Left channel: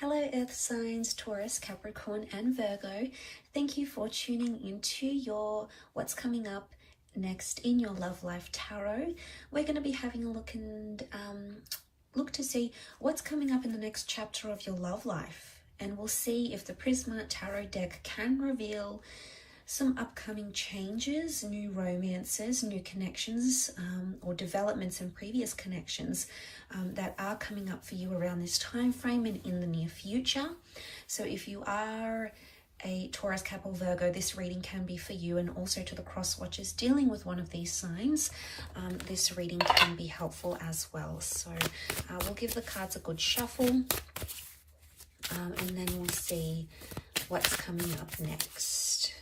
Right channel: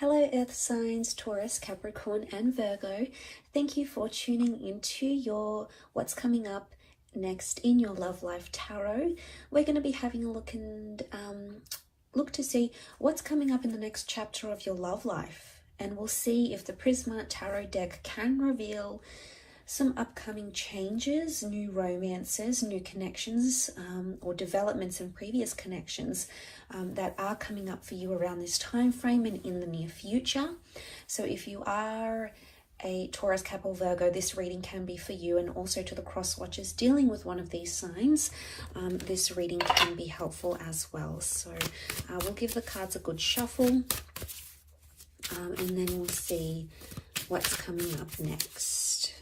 Hello Earth signs, Taurus, Capricorn and Virgo. Thank you for tuning into your what's coming up next in your love life tarot. We're going to be having a look and look to see what's coming up in the next chapter of your love life. And we'll see if the Prisma Tarot deck can reveal some upcoming changes, new romances, new connections, or developments in previous connections that are coming up for you around this time frame and in the near future. So if you are a Taurus, Cap or Virgo, this reading can be for you, and also to the cross watchers dealing with one of these signs, this reading can be helpful as well. So we'll give the cards a good shuffle, and then we'll see what's coming up next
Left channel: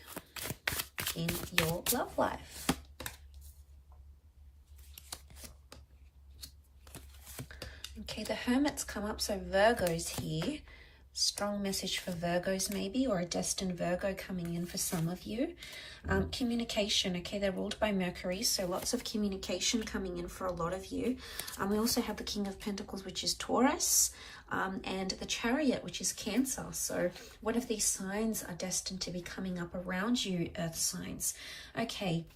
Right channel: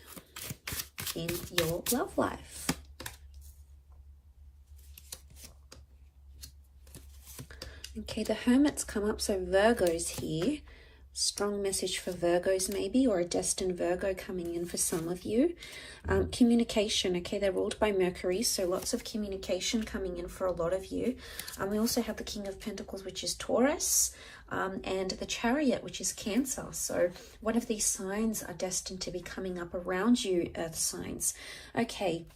in your love life. Okay, the Hermit's come up, so Virgo's here. Strong message for Virgos maybe, or a destined Virgo coming in for some of you. Communication, okay, they're ruled by Mercury, so lots of communication coming in for a lot of you. We also have the King of Pentacles, which is Taurus, and the Chariot, which is Cancer. So one of these signs are destined to be coming up around you, Earth signs. Okay,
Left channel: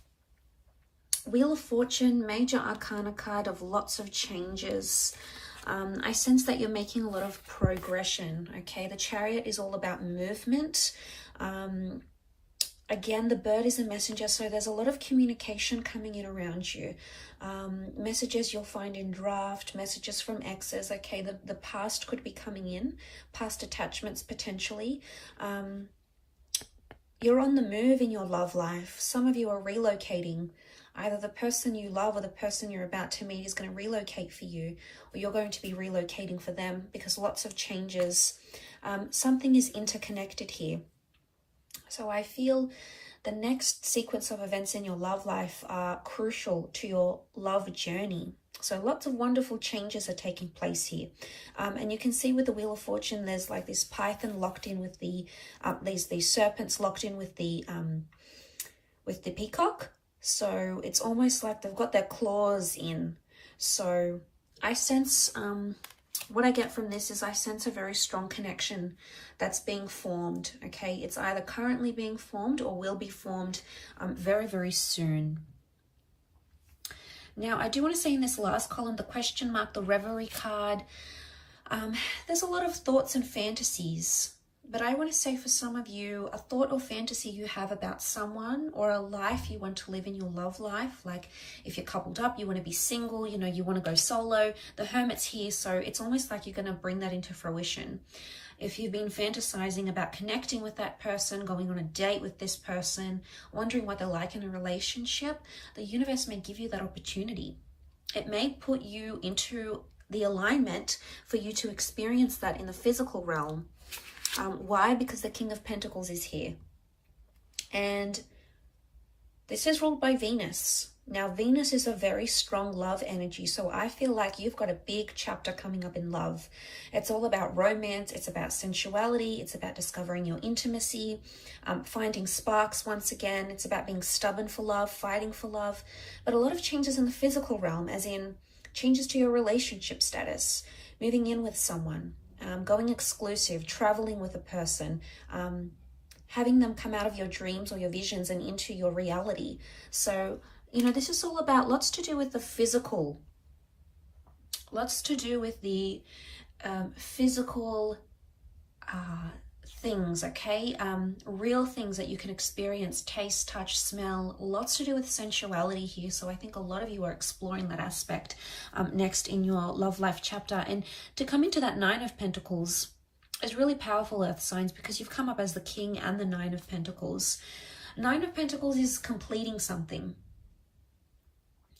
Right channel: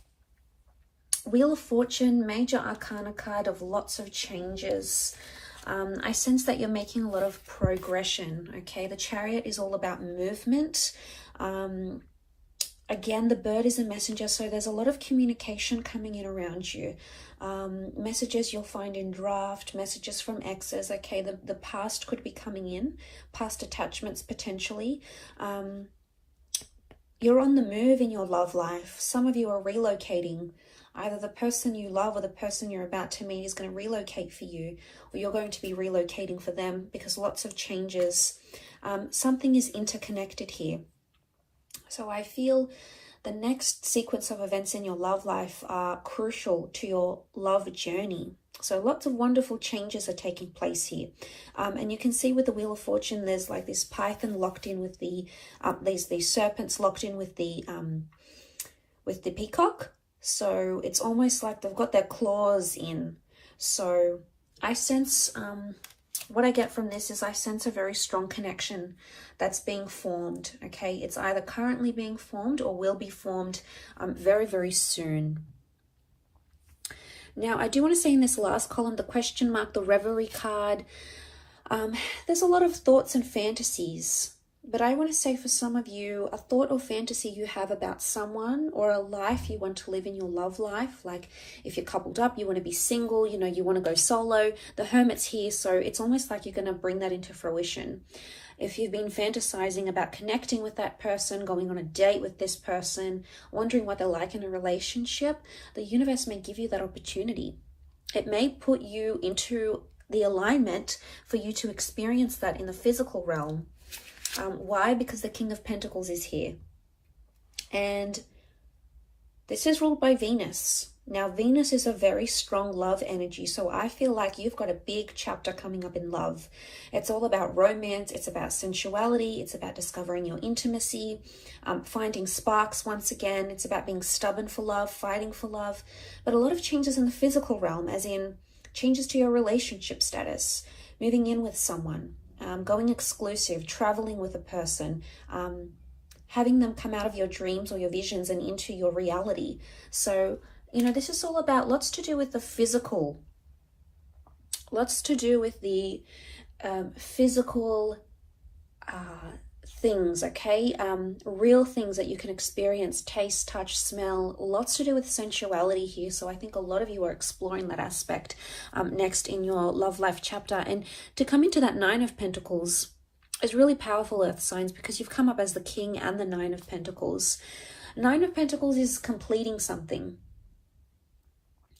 Wheel of Fortune, major arcana card of lots of changes. I sense that you're making a lot of progression, okay? The Chariot is all about movement. Again, the bird is a messenger, so there's a lot of communication coming in around you. Messages you'll find in draft, messages from exes, okay? The past could be coming in, past attachments potentially. You're on the move in your love life. Some of you are relocating. Either the person you love or the person you're about to meet is going to relocate for you, or you're going to be relocating for them, because lots of changes. Something is interconnected here. So I feel the next sequence of events in your love life are crucial to your love journey. So lots of wonderful changes are taking place here. And you can see with the Wheel of Fortune, there's like this python locked in with the, these serpents locked in with the peacock. So it's almost like they've got their claws in. So I sense, what I get from this is I sense a very strong connection that's being formed, okay? It's either currently being formed or will be formed very, very soon. Now, I do want to say in this last column, the question mark, the Reverie card, there's a lot of thoughts and fantasies. But I want to say for some of you, a thought or fantasy you have about someone or a life you want to live in your love life. Like if you're coupled up, you want to be single, you know, you want to go solo. The Hermit's here, so it's almost like you're going to bring that into fruition. If you've been fantasizing about connecting with that person, going on a date with this person, wondering what they're like in a relationship, the universe may give you that opportunity. It may put you into the alignment for you to experience that in the physical realm. Why? Because the King of Pentacles is here. And this is ruled by Venus. Now, Venus is a very strong love energy. So I feel like you've got a big chapter coming up in love. It's all about romance. It's about sensuality. It's about discovering your intimacy, finding sparks once again. It's about being stubborn for love, fighting for love. But a lot of changes in the physical realm, as in changes to your relationship status, moving in with someone. Going exclusive, traveling with a person, having them come out of your dreams or your visions and into your reality. So, you know, this is all about lots to do with the physical, lots to do with the physical things, okay? Real things that you can experience, taste, touch, smell, lots to do with sensuality here. So I think a lot of you are exploring that aspect next in your love life chapter. And to come into that Nine of Pentacles is really powerful, Earth signs, because you've come up as the King and the Nine of Pentacles. Nine of Pentacles is completing something.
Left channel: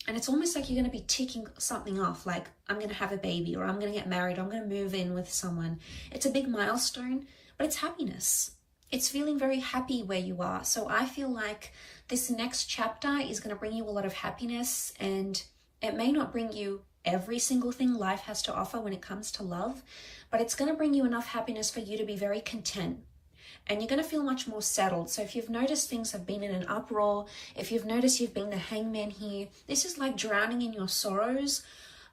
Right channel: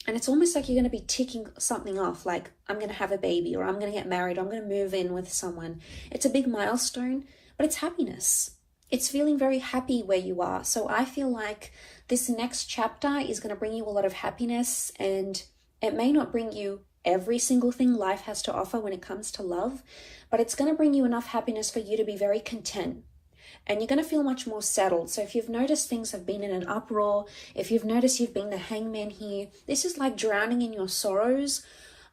And it's almost like you're going to be ticking something off, like I'm going to have a baby, or I'm going to get married, or I'm going to move in with someone. It's a big milestone. But it's happiness. It's feeling very happy where you are. So I feel like this next chapter is going to bring you a lot of happiness, and it may not bring you every single thing life has to offer when it comes to love, but it's going to bring you enough happiness for you to be very content. And you're going to feel much more settled. So if you've noticed things have been in an uproar, if you've noticed you've been the hangman here, this is like drowning in your sorrows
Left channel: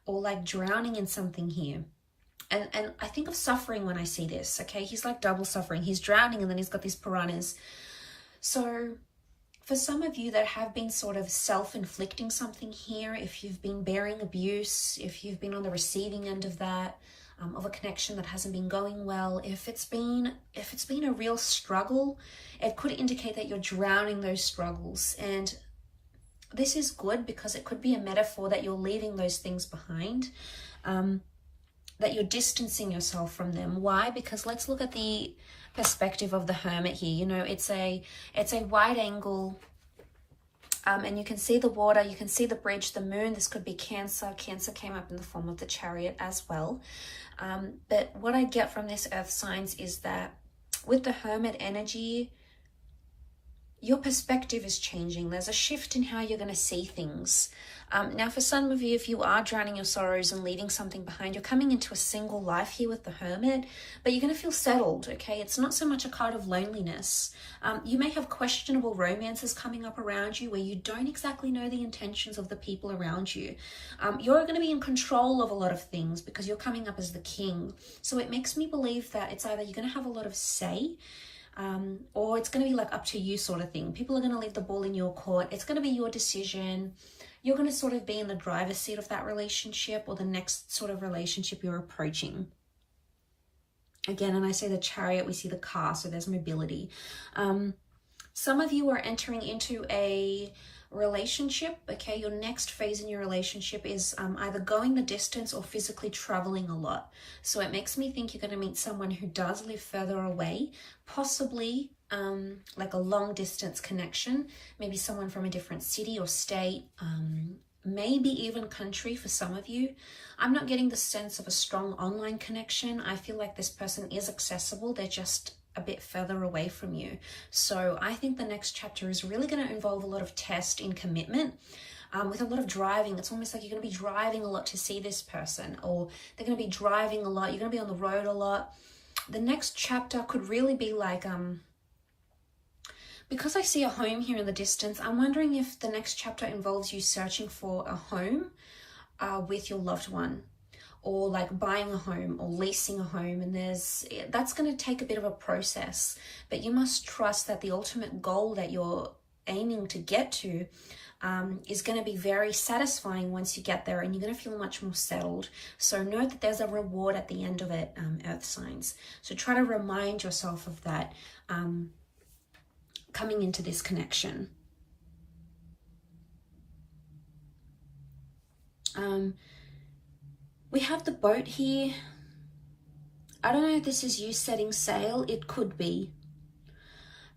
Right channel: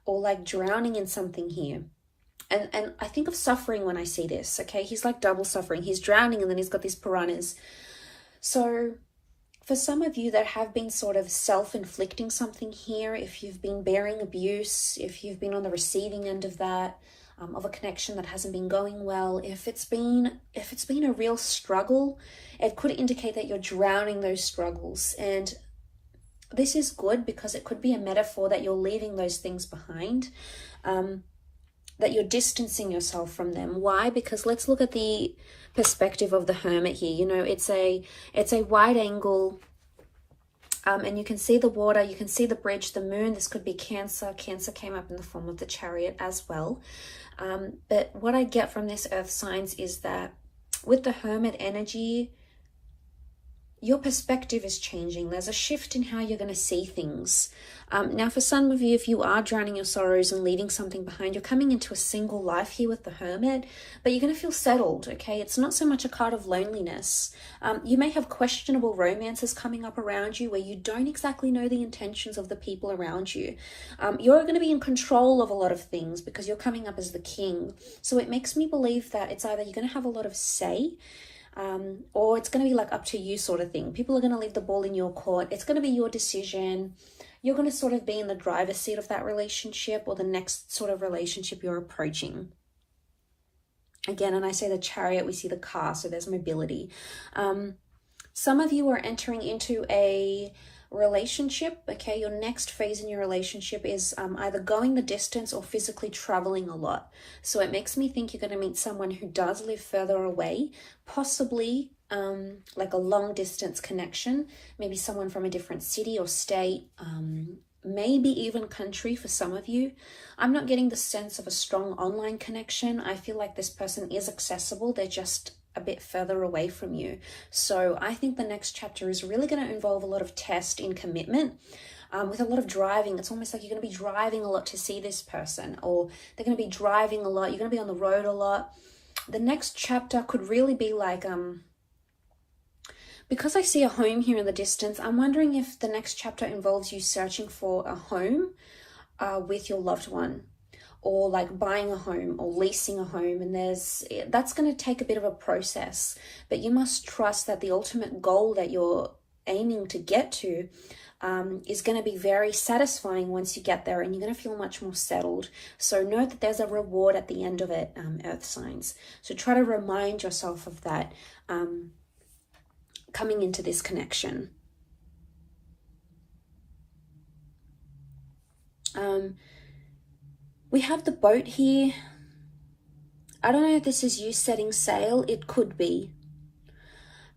or like drowning in something here. And I think of suffering when I see this, okay? He's like double suffering. He's drowning and then he's got these piranhas. So for some of you that have been sort of self-inflicting something here, if you've been bearing abuse, if you've been on the receiving end of that, of a connection that hasn't been going well, if it's been a real struggle, it could indicate that you're drowning those struggles. And this is good because it could be a metaphor that you're leaving those things behind, that you're distancing yourself from them. Why? Because let's look at the perspective of the Hermit here. You know, it's a wide angle, and you can see the water, you can see the bridge, the moon. This could be Cancer. Cancer came up in the form of the Chariot as well. But what I get from this earth signs is that with the Hermit energy, your perspective is changing. There's a shift in how you're going to see things. Now, for some of you, if you are drowning your sorrows and leaving something behind, you're coming into a single life here with the Hermit, but you're going to feel settled, okay? It's not so much a card of loneliness. You may have questionable romances coming up around you where you don't exactly know the intentions of the people around you. You're going to be in control of a lot of things because you're coming up as the king. So it makes me believe that it's either you're going to have a lot of say, or it's going to be like up to you sort of thing. People are going to leave the ball in your court. It's going to be your decision. You're going to sort of be in the driver's seat of that relationship or the next sort of relationship you're approaching. Again, and I say the Chariot, we see the car, so there's mobility. Some of you are entering into a relationship, okay? Your next phase in your relationship is either going the distance or physically traveling a lot. So it makes me think you're going to meet someone who does live further away, possibly like a long distance connection, maybe someone from a different city or state, maybe even country for some of you. I'm not getting the sense of a strong online connection. I feel like this person is accessible. They're just a bit further away from you. So I think the next chapter is really going to involve a lot of test in commitment, with a lot of driving. It's almost like you're going to be driving a lot to see this person, or they're going to be driving a lot. You're going to be on the road a lot. The next chapter could really be like, because I see a home here in the distance, I'm wondering if the next chapter involves you searching for a home with your loved one, or like buying a home or leasing a home. And that's going to take a bit of a process, but you must trust that the ultimate goal that you're aiming to get to is going to be very satisfying once you get there, and you're going to feel much more settled. So know that there's a reward at the end of it, earth signs. So try to remind yourself of that coming into this connection. We have the boat here. I don't know if this is you setting sail. It could be.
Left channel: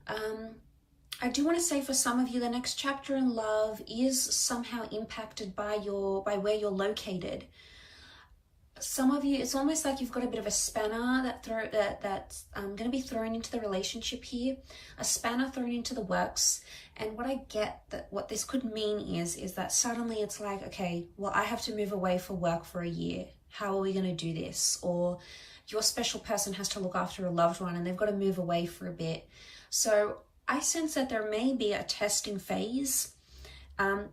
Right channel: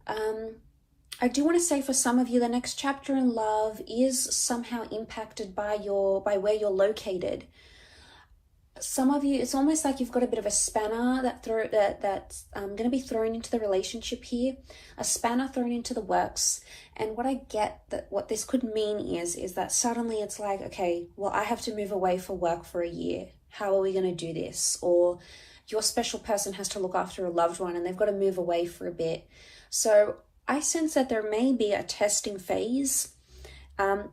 I do want to say for some of you, the next chapter in love is somehow impacted by where you're located. Some of you, it's almost like you've got a bit of a spanner that's going to be thrown into the relationship here, a spanner thrown into the works. And what I get, that what this could mean is that suddenly it's like, okay, well, I have to move away for work for a year. How are we going to do this? Or your special person has to look after a loved one and they've got to move away for a bit. So I sense that there may be a testing phase,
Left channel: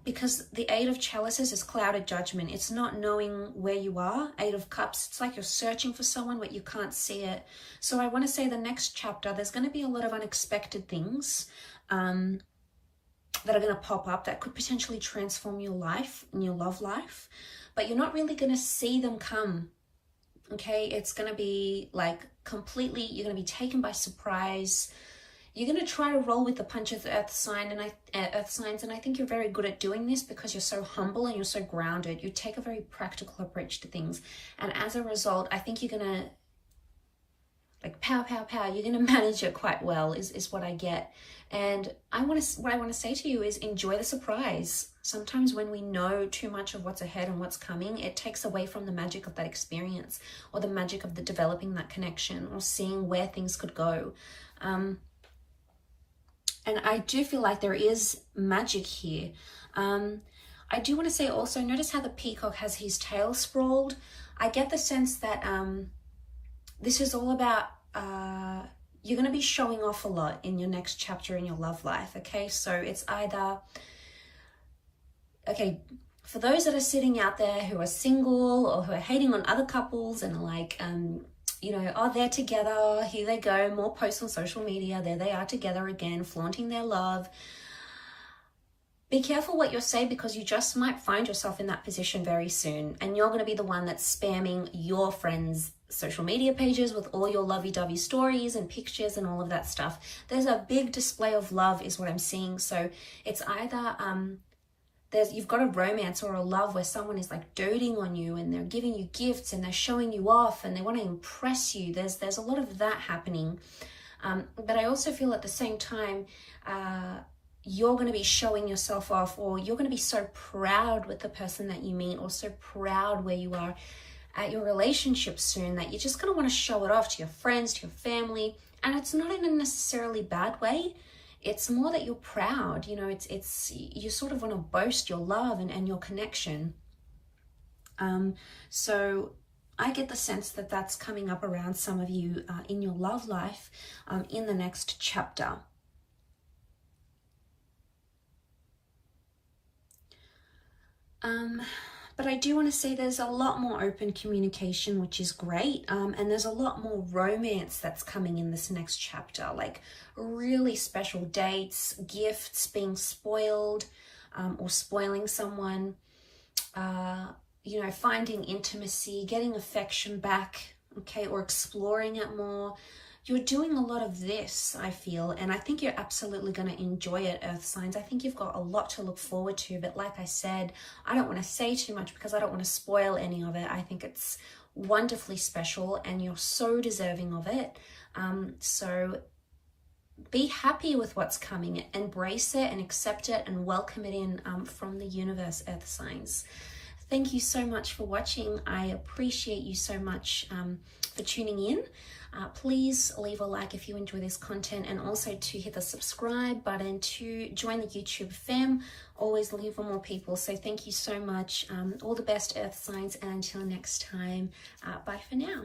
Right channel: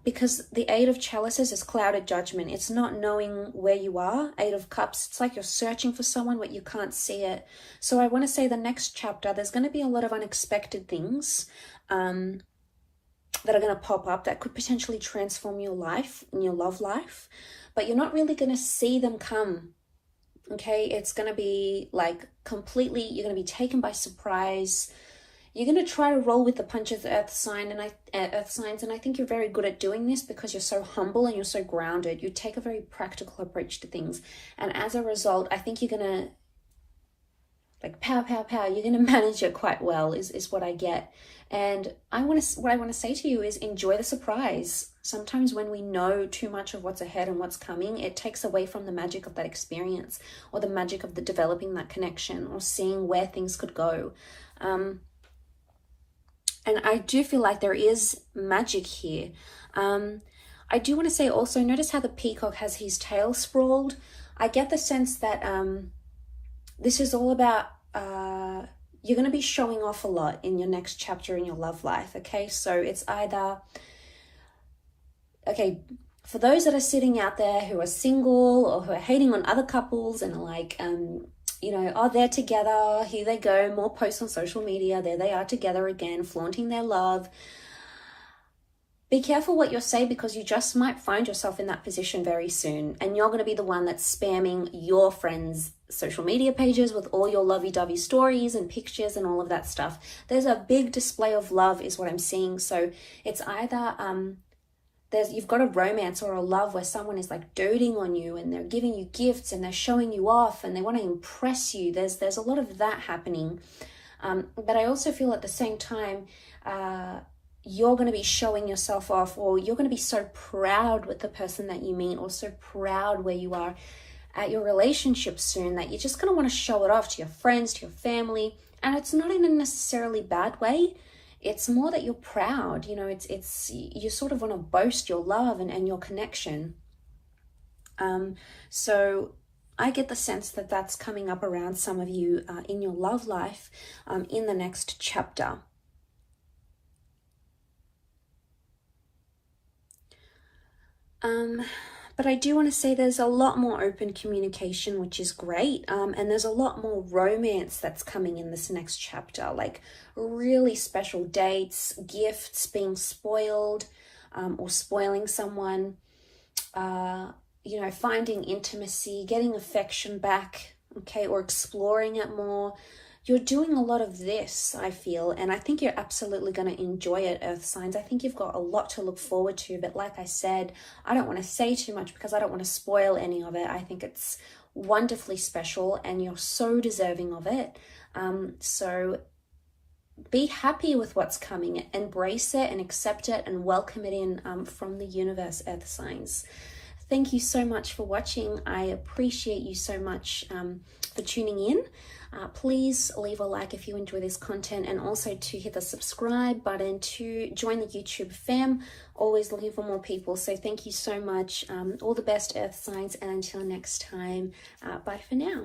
because the Eight of Chalices is clouded judgment. It's not knowing where you are. Eight of Cups, it's like you're searching for someone but you can't see it. So I want to say the next chapter, there's going to be a lot of unexpected things that are going to pop up that could potentially transform your life and your love life, but you're not really going to see them come. Okay, it's going to be like completely, you're going to be taken by surprise. You're going to try to roll with the punches, earth signs, and I think you're very good at doing this because you're so humble and you're so grounded. You take a very practical approach to things, and as a result, I think you're going to like pow, pow, pow. You're going to manage it quite well, is what I get. And what I want to say to you is enjoy the surprise. Sometimes when we know too much of what's ahead and what's coming, it takes away from the magic of that experience, or the magic of the developing that connection, or seeing where things could go. And I do feel like there is magic here. I do want to say also, notice how the peacock has his tail sprawled. I get the sense that this is all about, you're going to be showing off a lot in your next chapter in your love life, okay? So it's either, okay, For those that are sitting out there who are single or who are hating on other couples and are like, you know, oh, they're together, here they go, more posts on social media, there they are together again, flaunting their love. Be careful what you say, because you just might find yourself in that position very soon, and you're going to be the one that's spamming your friends' social media pages with all your lovey-dovey stories and pictures and all of that stuff. There's a big display of love is what I'm seeing. So it's either you've got a romance or a love where someone is like doting on you and they're giving you gifts and they're showing you off and they want to impress you. There's a lot of that happening. But I also feel at the same time, you're going to be showing yourself off, or you're going to be so proud with the person that you meet, or so proud where you are at your relationship soon, that you're just going to want to show it off to your friends, to your family. And it's not in a necessarily bad way. It's more that you're proud, you know, it's you sort of want to boast your love and your connection. So I get the sense that that's coming up around some of you in your love life in the next chapter. But I do want to say there's a lot more open communication, which is great. And there's a lot more romance that's coming in this next chapter, like really special dates, gifts, being spoiled, or spoiling someone, you know, finding intimacy, getting affection back, okay, or exploring it more. You're doing a lot of this, I feel, and I think you're absolutely going to enjoy it, Earth signs. I think you've got a lot to look forward to, but like I said, I don't want to say too much because I don't want to spoil any of it. I think it's wonderfully special and you're so deserving of it. So be happy with what's coming, embrace it and accept it and welcome it in from the universe, Earth signs. Thank you so much for watching. I appreciate you so much for tuning in. Please leave a like if you enjoy this content, and also to hit the subscribe button to join the YouTube fam. Always looking for more people. So thank you so much. All the best, Earth signs, and until next time, bye for now.